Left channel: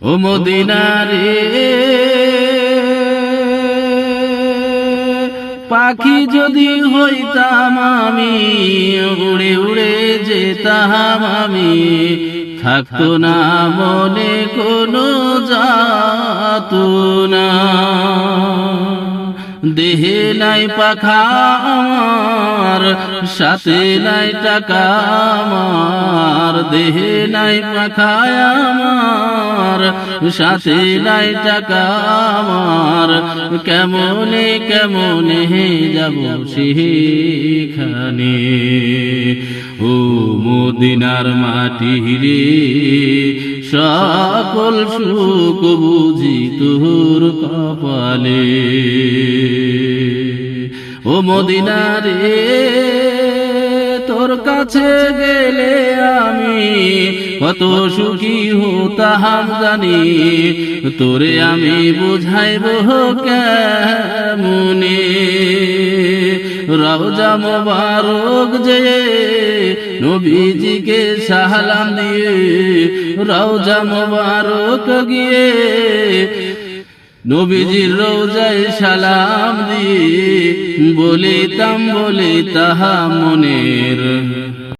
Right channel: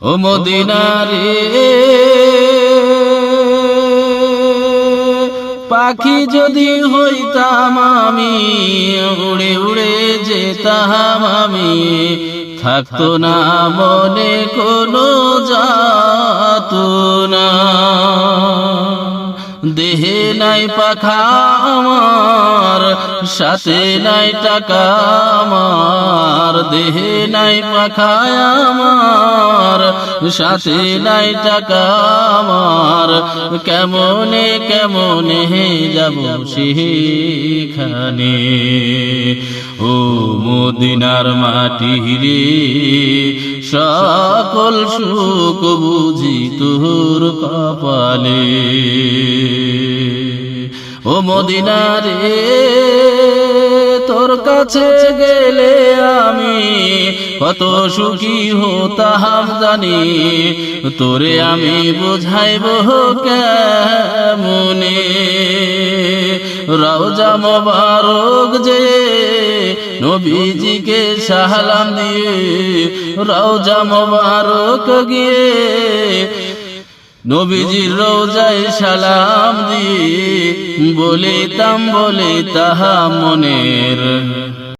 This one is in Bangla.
ও মদিনারে পাখি যদি হইতাম আমি, উড়ে উড়ে যেতাম আমি, থাকতো না মনে কোনো যাতনা। দেহে নাই পাখা আমার, সাথে নাই টাকা আমার, দেহে নাই পাখা আমার, সাথে নাই টাকা আমার, কেমনে কেমনে যাব সেখানে। ও মদিনার মাটি রে, সকল সুখ বুঝি তোর কপালে। ও মদিনা রে তোর কাছে গেলে আমি কত সুখী হতাম জানি, তোরে আমি বুঝাইব কেমনে। রওজা মোবারক যে নবীজিকে সালাম দিয়ে, রওজা মোবারক গিয়ে নবীজির রওজায় সালাম দিয়ে বলিতাম বলিতাম মনের